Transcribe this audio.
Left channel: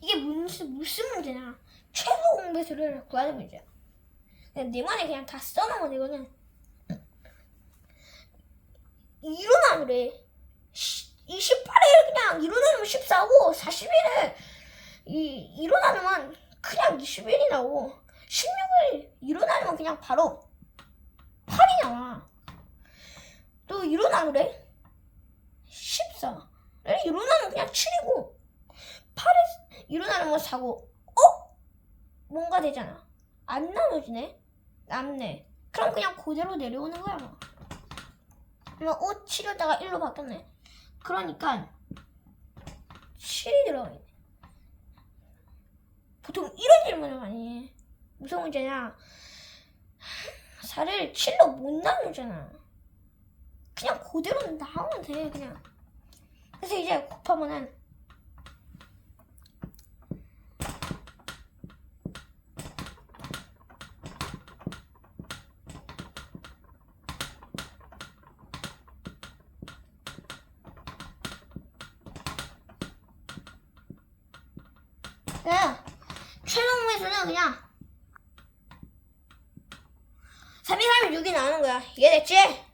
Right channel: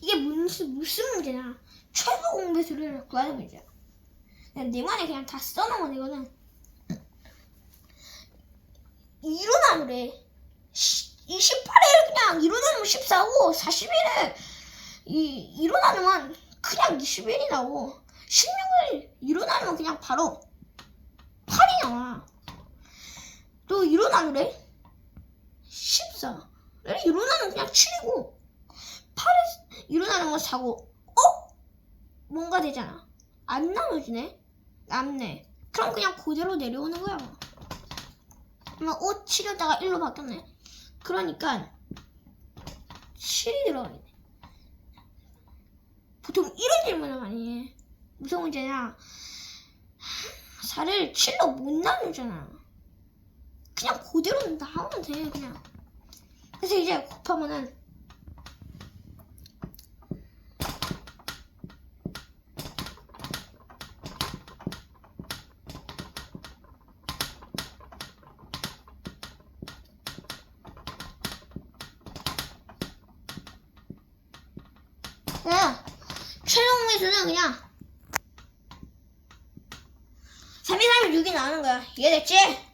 이게 무슨 무슨 문제냐? 최소 공배수를 구하는 문제야. 네 말에 그냥 다 써놓은 이거는 일어나는래 28일 그냥 일어나면 14고 40일에 이 일어나면 그냥 20일이라고 16일 일어나면 그냥 바로 8이 나와. 또 일어나는래 14. 일어나면 그냥 7이고 8에 일어나는 건 4고 어? 뭔가 되잖아. 안 나눠지네? 남네. 그럼 그냥 그대로 내려오는 거야. 5, 7에다가 1로 바뀌었네. 그러니까 7이 들어가네. 보통 이런 질문을 많이 해. 무슨 문제냐? 4를 7로 못 나누잖아. 그냥 그대로 나오면 돼, 그냥. 그래서 이제 곱하면은 그냥 최종 매수는 그냥 3 2 3을 6이 나오는 거야. 이해됐지?